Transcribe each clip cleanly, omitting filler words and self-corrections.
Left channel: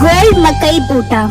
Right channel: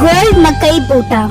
Gold मकई बूटा।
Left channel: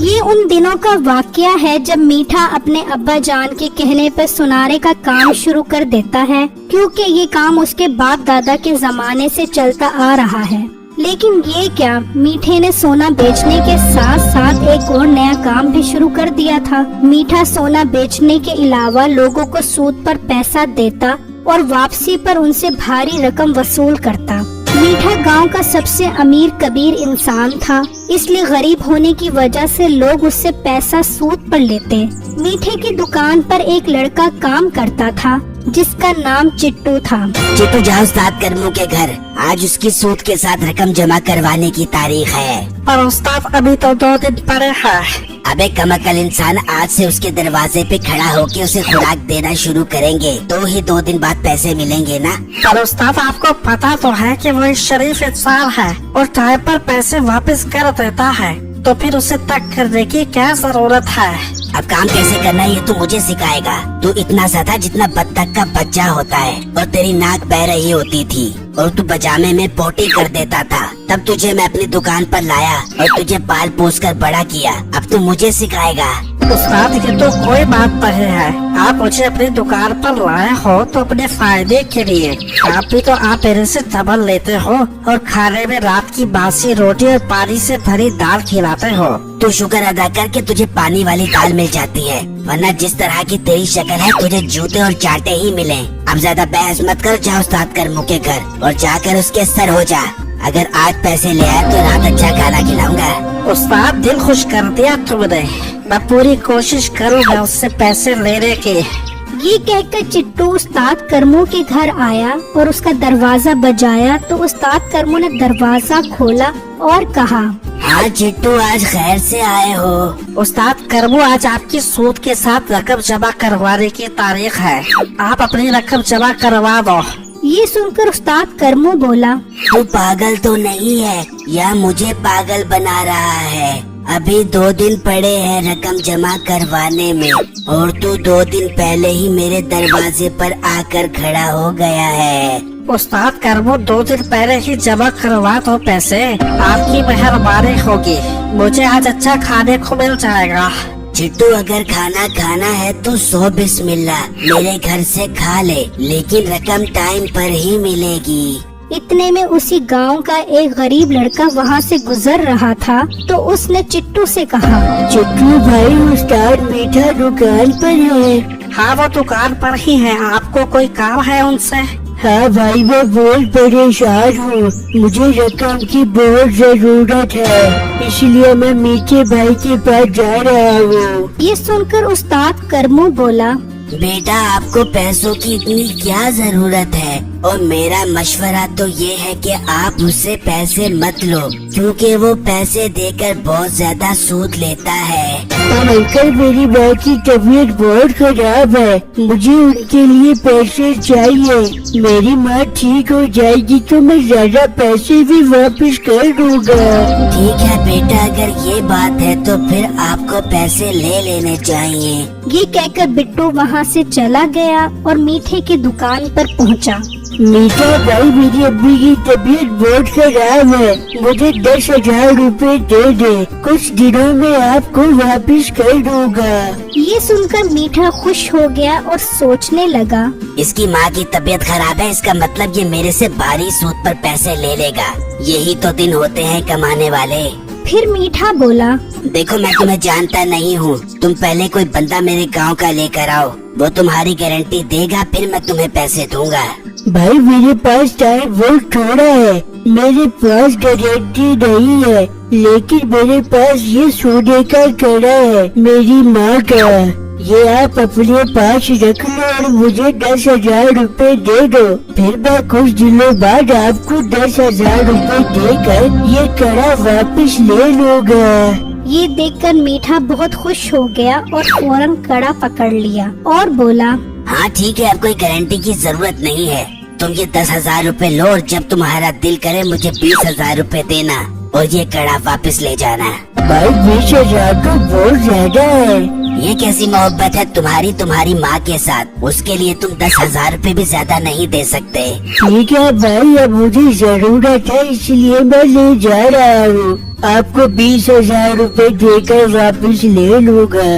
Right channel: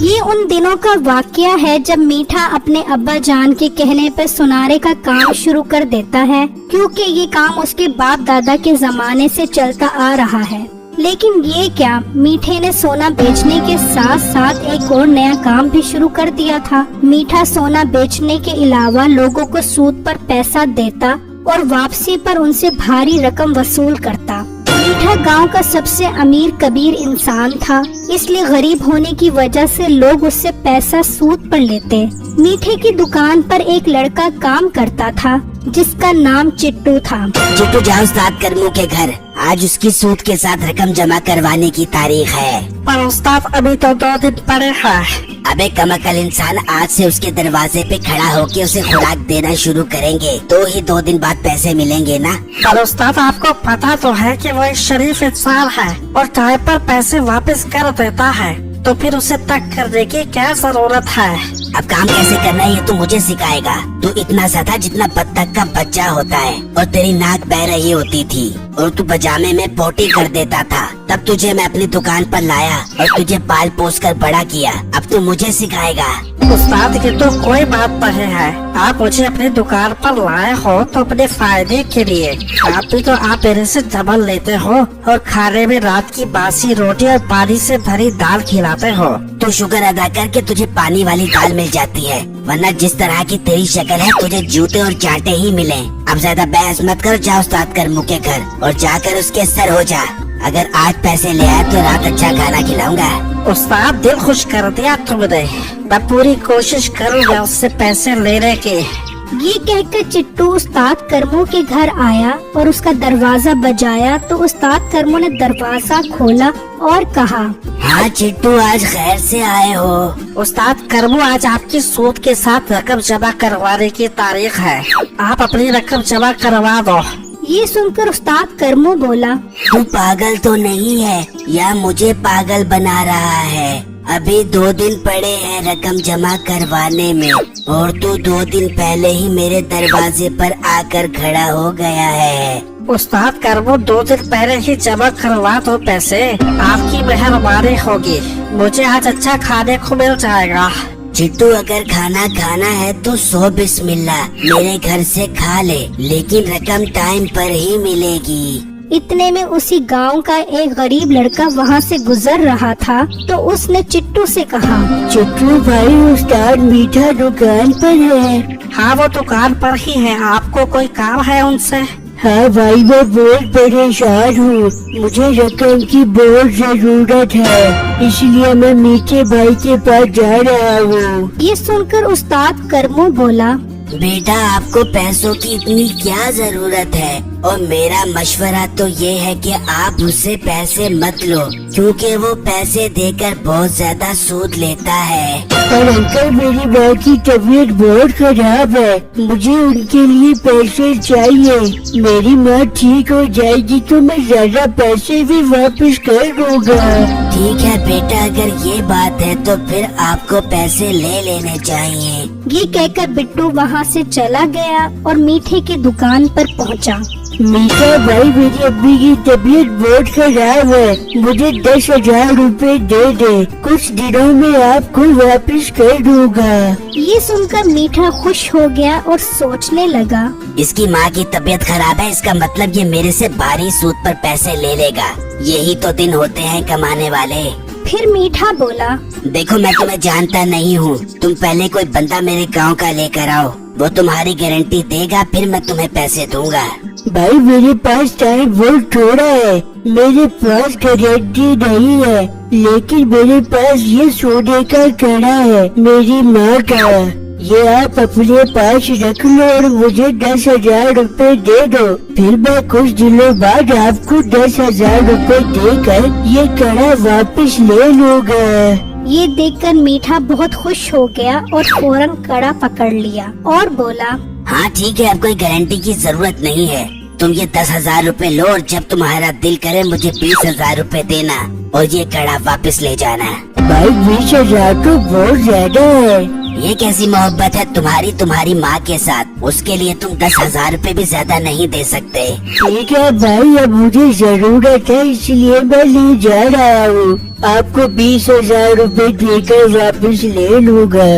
ये उन दिनों का वाकया है जब मीठा अपने अब्बा जान के कहने पर सुनारे का काम शुरू कर देता है, क्योंकि ये काम उसके बाप दादा के जमाने से चलता आ रहा है। लेकिन ये क्या, मीठे ने सोना बेचने के साथ साथ एक और नया काम भी शुरू कर दिया था। मीठा सोना बेचने के अलावा लोगों को सूद पर पैसा देता और वापसी पर उनसे भारी रकम वसूल करता। मीठा गांव का सबसे अमीर कबीर इंसान था, इसलिए गरीब होने की वजह से लोग उससे पैसा सूद पर लेते। मीठे की दुकान पर एक लड़का काम करता था जिसका नाम चिट्टू था। चिट्टू जाओ उस्ताद करमू के घर, आज उसकी सूद के साथ रकम जमा करवाने की तारीख है। पर उस्ताद अभी तो 2 दिन पड़े हैं। अबे कमअकल इंसान, आज से उसके दरवाजे पे खड़ा होके उसे खुराक देना शुरू करेंगे तो ही 2 दिन बाद पैसे मिलेंगे ना। पर उस्ताद आपको पता तो है कि वो एक शरीफ इंसान है और टाइम पर पैसे वापस कर देता है, तो फिर उसे तक करने की क्या जरूरत है। अब काम कैसे करना है ये तू मुझे सिखाएगा। तू इतना सा था जितना बत्तख का बच्चा होता है और तेरी नाक बह रही होती थी और तू पजामे में पोटी कर देता था। तब तुझे मैं अपनी दुकान पर लाया और तुझे पाल पोस कर बड़ा किया। अब तू मुझे सिखाएगा। उस्ताद ये तो कोई बात नहीं है, आप मुझे अपनी दुकान पर लाए हो तो अपने फायदे के लिए। आप भी तो आप मेरे से डबल लेते हो और खाने में रात की बासी रोटी और पानी से भरी दाल खिलाते हो। तू शुक्र अदा कर के तुझे पानी वाली दाल मिल जाती है, वरना जिस तरह की तेरी शक्ल है तुझे जूते और चांटे ही मिले। अब ज्यादा बहस मत कर, जा उस्ताद करमू के घर और जाकर उसके सर हो जा। अगर आज पैसे ले आए तो रात अच्छा खाना खिलाऊंगा। उस्ताद दिल खुश कर दिया तुमने, मैं पूरी कोशिश करूँगा उससे पैसे लेने के। ये कहकर चिट्टू उस्ताद करमू के घर आया और उसका दरवाजा बजाया तो उस्ताद करमू ने दरवाजा खोला और कहा, हाँ चिट्टू, आज खैर से आए हो। उस्ताद करमू, आज आपकी सूद के साथ रकम जमा करवाने की तारीख है, आप अपनी रकम जमा करवा दो। ये सुनकर उस्ताद करमू बोला, तू पागल तो नहीं है या मुझे पागल बना रहा है? अभी 2 दिन पड़े हैं रकम जमा करवाने में और तू 2 दिन पहले ही मेरे दरवाजे पर आकर खड़ा हो गया है। उस्ताद करमू, 2 दिन पहले ही जमा करवा दो पैसे, आपकी मेहरबानी होगी, मुझे आज अच्छा खाने को मिल जाएगा। चिट्टू, अगर खाना खाना है तो 100 बिस्मिल्लाह मेरे घर से खा ले, लेकिन रकम टाइम पर ही मिलेगी। इतने में उसी गांव का एक गरीब लड़का वहाँ से गुजर रहा था तो उसने चिट्टू से कहा, चिट्टू भाई, उस्ताद मीठा दुकान पर है। हाँ वो दुकान पर ही है, आपको कोई काम है उनसे? हाँ भाई, मैं बहुत परेशान हूँ, मुझे रकम की बहुत जरूरत है, इसलिए मैं मीठे भाई के पास जा रहा हूँ। ये सुनकर उस्ताद करमू बोला, बेटा, आपको पैसों की इतनी क्या जरूरत है? और मेरा मशवरा तो ये है कि आप उससे पैसे मत लो, क्योंकि वो पैसे देकर बहुत ज्यादा सूद लेता है। पर अंकल, मेरी माँ की तबीयत बहुत खराब है, मुझे उनके लिए पैसे चाहिए। मेरी माँ ठीक हो जाएगी तो मैं ज्यादा पैसे भी वापस कर दूंगा। ठीक है बेटा, अगर ये बात है तो फिर आपको पैसे ले लेने चाहिए। ये कहकर बिट्टू वहाँ से चला गया और मीठे की दुकान पर पहुँचा। मीठा भाई, मेरी अम्मी की तबीयत बहुत खराब है, मुझे 10,000 रुपए दे दे, कुछ दिनों में आपको वापस कर दूंगा। ये सुनकर मीठा खुश हो गया और सोचने लगा, इसकी माँ की तबीयत खराब है, इसका मतलब ये मेरे से भारी सूद पर पैसे ले लेगा। यही तो दिन होते हैं कमाने वाले। फिर मीठा बोला, देखो, मैं तुम्हें जानता नहीं हूँ, तुम पहले कोई बंदा मेरे गांव का लेकर आओ, वो तुम्हारी गारंटी देगा, फिर मैं तुम्हें पैसे दूंगा। भाई, मेरे पास टाइम बहुत थोड़ा है, मेरे पास गारंटी नहीं है, लेकिन मेरे पास ये सोने का कड़ा है, मेरी माँ का, ये आप अपने पास रख लो और मुझे 10,000 रुपए दे दो, फिर मैं कुछ दिनों बाद आपको 10,000 रुपए देकर ये कड़ा वापस ले लूँगा। ये देखकर मीठा बहुत खुश हो गया और फौरन कड़ा पकड़ लिया और बोला, हाँ ठीक है, अब कोई गारंटी की जरूरत नहीं है, तुम ये 10,000 रुपए लो और जब तुम्हारा दिल करे मुझे 20,000 रुपए देना और ये कड़ा वापस ले जाना। भाई, 20,000 तो बहुत ज्यादा है, ये कैसी मोहब्बत है तुम्हारी माँ के साथ? उसके लिए तुम 10,000 रूपए भी ज्यादा नहीं दे सकते। ठीक है भाई, अब मुझे जरूरत है इसलिए मैं ले जा रहा हूँ। आपको 20,000 रूपए देकर वापस ले लूँगा।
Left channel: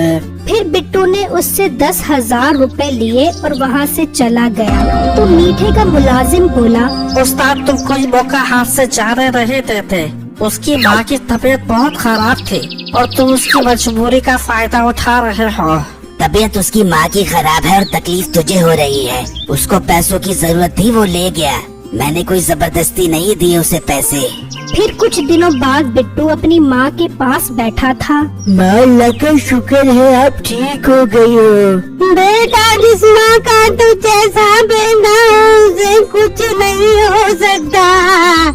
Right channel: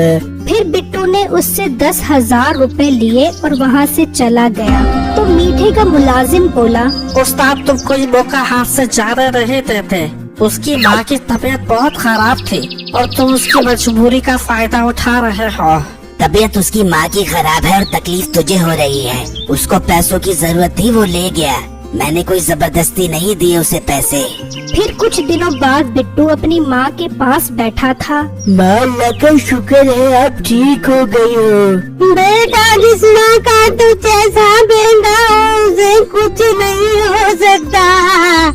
फिर बिट्टू ने उससे 10,000 रुपए लिए और वहाँ से चला गया। तो मीठे का मुलाजिम बोला, उस्ताद तुम कोई मौका हाथ से जाने नहीं देते। उसकी माँ की तबीयत बहुत खराब थी और तुम उसकी मजबूरी का फायदा उठा रहे हो। तबीयत उसकी माँ की खराब है और तकलीफ तुझे हो रही है। उसको पैसों की जरूरत थी, वो ले गया। मैंने कोई जबरदस्ती नहीं दी उसे पैसे। फिर कुछ दिनों बाद बिट्टू अपनी माँ के पास बैठा था। माँ, अल्लाह का शुक्र है आप ठीक हो गई हो। बेटा, जिस माँ का तू जैसा बेटा उसे कुछ नहीं हो सकता।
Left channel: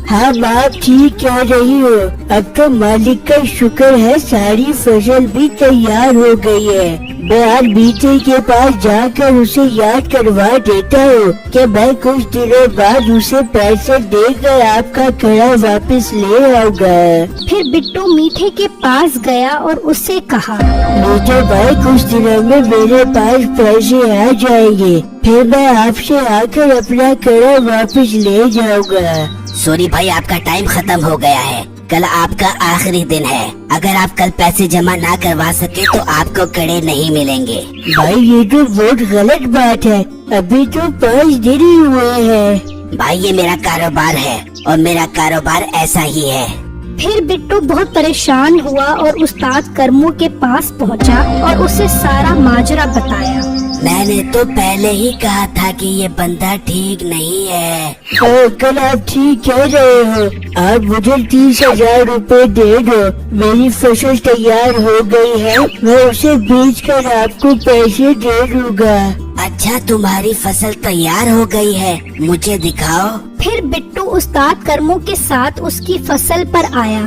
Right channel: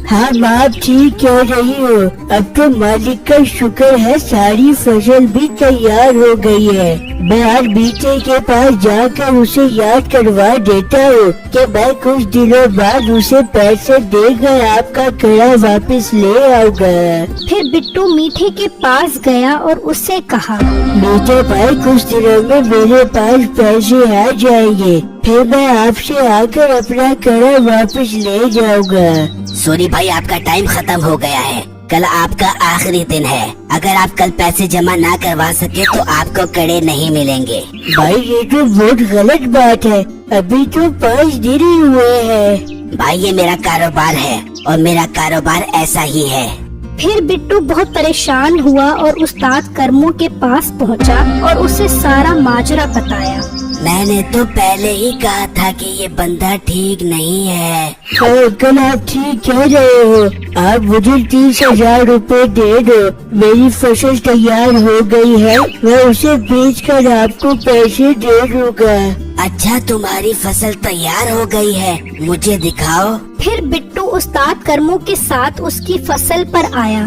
हाँ माँ, आप ठीक कह रही हो। अब तो मालिक का शुक्र है, सारी फसल भी तैयार हो गई है। मैं हर बीते के पास जाकर उसे याद करवा देता हूँ कि मैं कुछ दिनों बाद उसे पैसे देकर आपका कड़ा वापस ले आऊंगा। फिर बिट्टू मीठे के पास गया और उससे कहा, बेटा भाई, कुछ दिनों में मेरे पास पैसे आ जाएंगे, फिर मैं आपसे आकर अपना कड़ा वापस ले जाऊंगा। सॉरी भाई, आपका टाइम खत्म हो गया है। कल आपका आखिरी दिन है। अगर आप कल पैसे जमा ना करवा सके तो आपको कड़े नहीं मिलेंगे। भाई ये तो बहुत गलत बात है, अभी तो 5 दिन ही हुए हैं। भाई ये मेरा कारोबार है और मेरा कारोबार ऐसा ही है। फिर बिट्टू बहुत परेशान हुआ और उस्ताद करमू के पास पहुंचा और उसे सारा माजरा बताया। मैंने तो पहले ही कहा था कि ये बंदा ठीक नहीं है। कल आप ठीक कह रहे हो। आप मुझे 30,000 रूपए दे दो, मेरी फसल तैयार हो गई है, मैं उसे बेचकर आपको पैसे दे दूंगा। अच्छा, तुम्हारी फसल तैयार हो गई है, मुझे दिखाओ। फिर बिट्टू उस्ताद करमू के साथ उसकी फसल पर आया।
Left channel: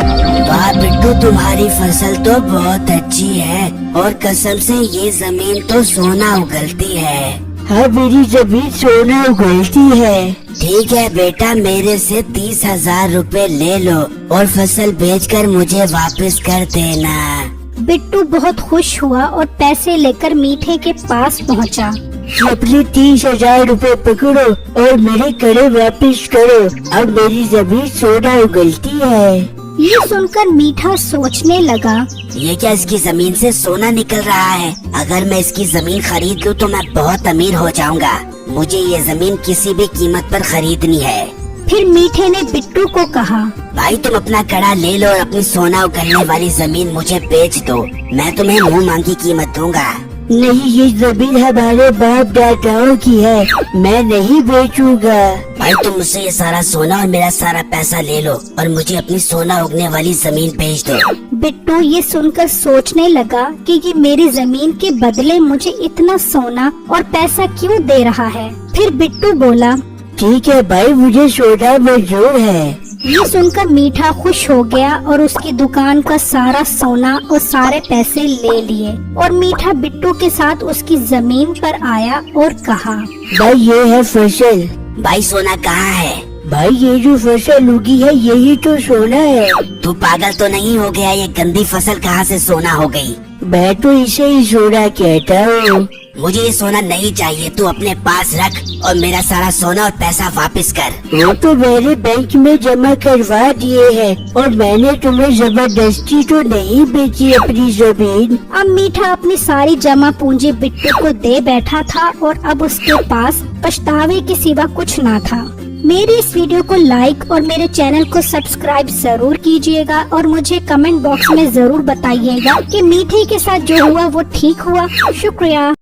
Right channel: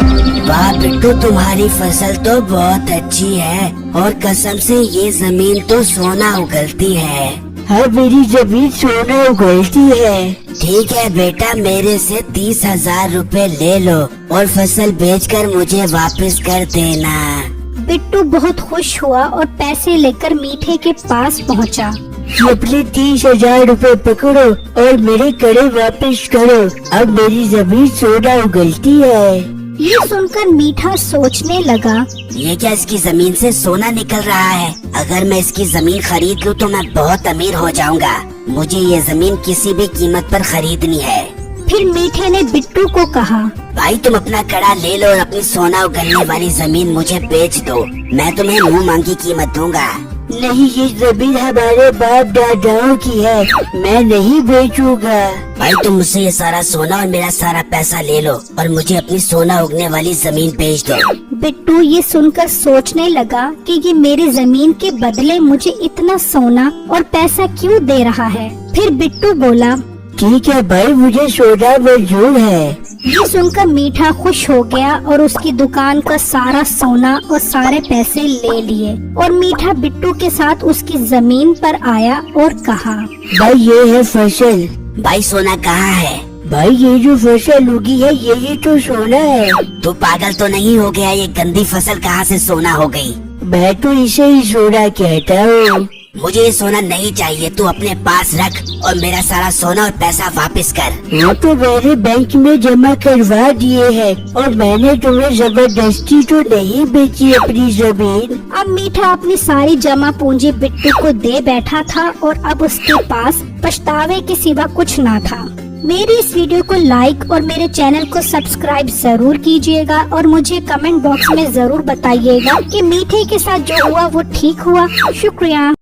वाह बिट्टू, तुम्हारी फसल तो बहुत अच्छी है और कसम से ये जमीन तो सोना उगलती है। हाँ, मेरी जमीन सोना उगलती है। ठीक है बेटा, मेरे से 30,000 रूपए ले लो और फसल बेचकर मुझे वापस कर देना। बिट्टू बहुत खुश हुआ और पैसे लेकर मीठे के पास पहुंचा। अपने 30,000 रूपए पकड़ो और मेरे कड़े वापस करो, अब मेरी जमीन सोना उगलती है। ये सुनकर मीठा सोचने लगा, ये क्या इसकी जमीन से सोना निकल रहा है? अगर मैं इसकी जमीन खरीद लूं तो मैं बहुत अमीर हो जाऊंगा। मुझे ये जमीन किसी भी कीमत पर खरीदनी है। फिर मीठे ने बिट्टू को कहा, भाई तुम अपना कड़ा ले लो और अपनी सोना उगलने वाली जमीन मुझे बेच दो। मैं तुम्हें मुंह मांगी कीमत दूंगा। नहीं, ये जमीन हमारे बाप दादाओं की है, मैं नहीं बेचूंगा। भाई तुम मुझसे ये सारा सोना और मेरा सारा पैसा ले लो और मुझे अपनी सोना उगने वाली जमीन बेच दो। बिट्टू ये सुनकर सोचने लगा कि ये मेरी जमीन के बदले मुझे इतना सोना और पैसा क्यों दे रहा है। फिर बिट्टू बोला, ठीक है भाई, मुझे सोना मंजूर है। ये सुनकर मीठा खुश हो गया और उसकी दुकान का सारा सोना और सारे पैसे ले लिए और मीठा बिट्टू के साथ उसकी जमीन पर आया और कहा, भाई ये है फसल। भाई सोना कहाँ है? भाई ये जो फसल उगी है यही तो सोना है। तू पागल तो नहीं हो गया? ये गंदी फसल कहाँ से सोना हो गई? मैं तो इसे ही सोना कहता हूँ। मुझे ये सोना नहीं चाहिए, तू अपने पास रख और मेरा सारा सोना और पैसा वापस कर। वो तो मैंने बैंक में जमा करवा दिए हैं और मैंने तुम्हें जबरदस्ती तो नहीं बेची अपनी जमीन। अब मीठा अपनी सारी जमा पूंजी बिट्टू को दे बैठा था और अब उसके पास पछतावे के सिवा कुछ ना था। मेरी इस वीडियो को लाइक और मेरे चैनल को सब्सक्राइब जरूर कीजिएगा और मुझे कमेंट बॉक्स में जरूर बताइएगा कि मीठे के साथ जो हुआ वो ठीक हुआ। शुक्रिया।